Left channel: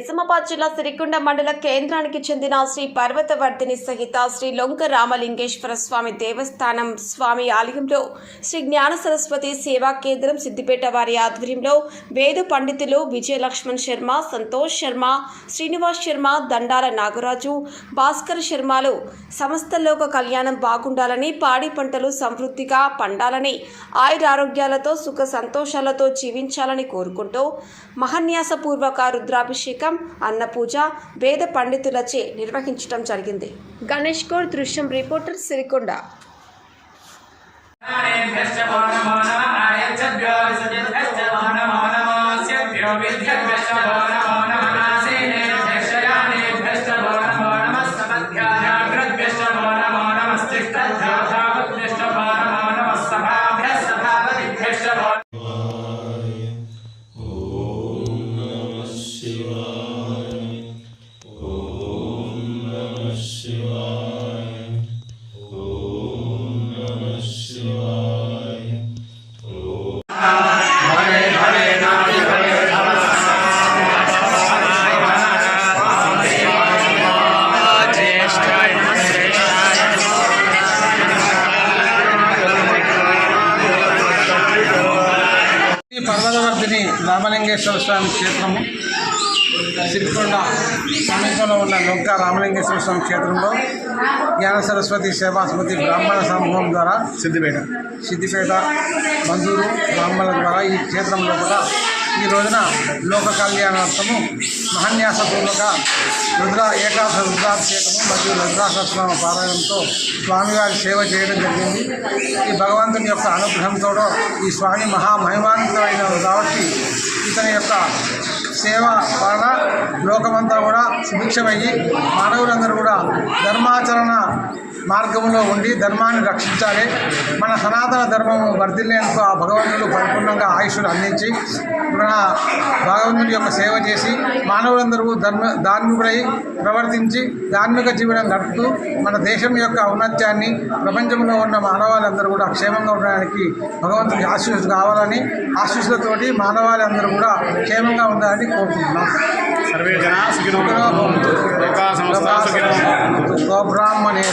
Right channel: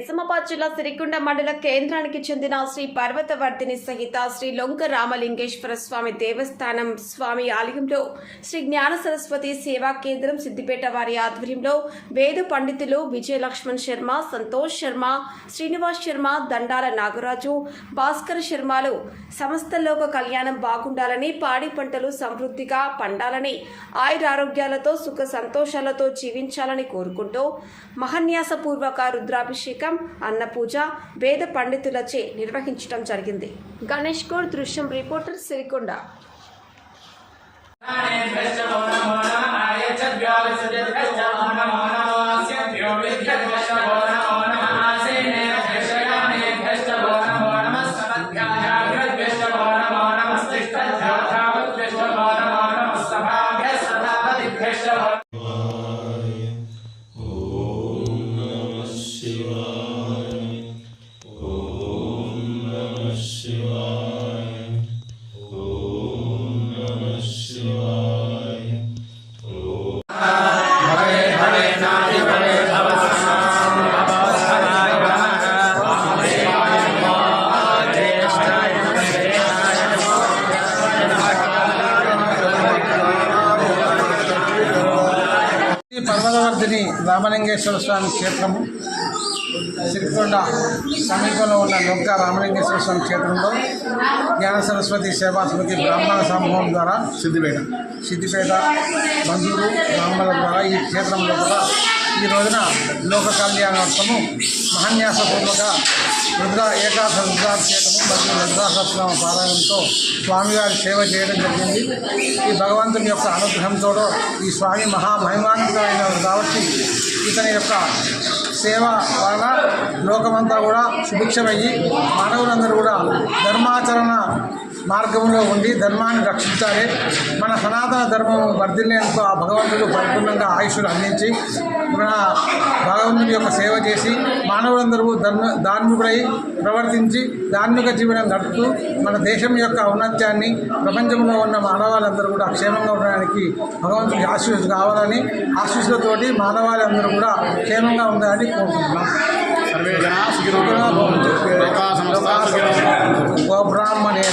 నిజామాబాద్ జిల్లా సిరికొండ మండల కేంద్రానికి చెందిన శ్రీ పర్వతవర్ధిని సహిత శ్రీ లొంక రామలింగేశ్వర స్వామి దేవస్థానం స్వామి ఆలయంలో శ్రీ జ్ఞాన సరస్వతి సేవా కేంద్రం సిద్దిపేట వారి ఆధ్వర్యంలో వేద పండితులు విజయలక్ష్మణ్ శర్మ, సంతోష్ శర్మ, శ్రీనివాస్ శర్మ, దండాల నాగరాజు, భాస్కర్ శర్మలు సమస్త లోక కళ్యాణం బాగుండాలని, పాడి పంటలు సమృద్ధిగా పండాలని, ఆయురారోగ్యాలతో సుఖ సంతోషాలతో జీవించాలని కోరుకుంటూ మహాన్యాసపూర్వక రుద్రాభిషేకం, అన్నపూజ వేద పండితులచే నిర్వహించడం జరిగింది. గణేష్ గౌడ్, దృశ్యం రిపోర్టర్, సిరికొండ. పర్వతవర్ధిని రామలింగేశ్వర స్వామి క్షేత్రము సిరికొండ సమీపంలో ఉన్న లొంక రామలింగేశ్వర స్వామి క్షేత్రంలో జ్ఞాన సరస్వతి సేవాస్మృతి బ్రాహ్మణ సమూహం ద్వారా సిద్దిపేట బంధువులు బ్రాహ్మణుల ద్వారా ఈ క్షేత్రంలో కూడా ఈ రోజున లోక కళ్యాణార్థము మహాన్యాసపూర్వక ఏకాదశ రుద్రాభిషేకము మరియు రుద్రాసహస్రనామ పారాయణంతో స్వామివారి సేవ చేయడం జరిగింది. ఈ భగవంతుని యొక్క అనుగ్రహంతో ఈ స్వామి మహామహిమాన్వితమైన కాబట్టి ఇతని యొక్క సేవ వలన లోకమంతా కూడా సుభిక్షమయ్యి మానవులందరూ కూడా ధర్మాచరణ మార్గంలో ఉండి ధర్మాన్ని రక్షించాలి. మన సనాతన ధర్మము వర్ధిల్లేందుకు ఆ భగవంతుడు పరిపూర్ణంగా ఆయుష్ను అందించి మన భగవంతుడి యొక్క సేవ చేసి మానవులందరూ ధార్మికుడై ప్రవర్తించి ధార్మిక జీవనం గడుపుతూ మన దేశం యొక్క ఔన్నత్యాన్ని ప్రపంచంలో ఉన్న మానవాళ్ళందరూ కూడా క్షేమంగా ఉండడానికి భగవంతుడి ఆశీస్సు కావాలని, ఆశీస్సులతోటి మానవాళ్ళందరూ కూడా క్షేమంగా ఉండాలని కోరుకుంటున్నాం. సర్వే జనా సుఖినో భవంతు. గోబ్రాహ్మణే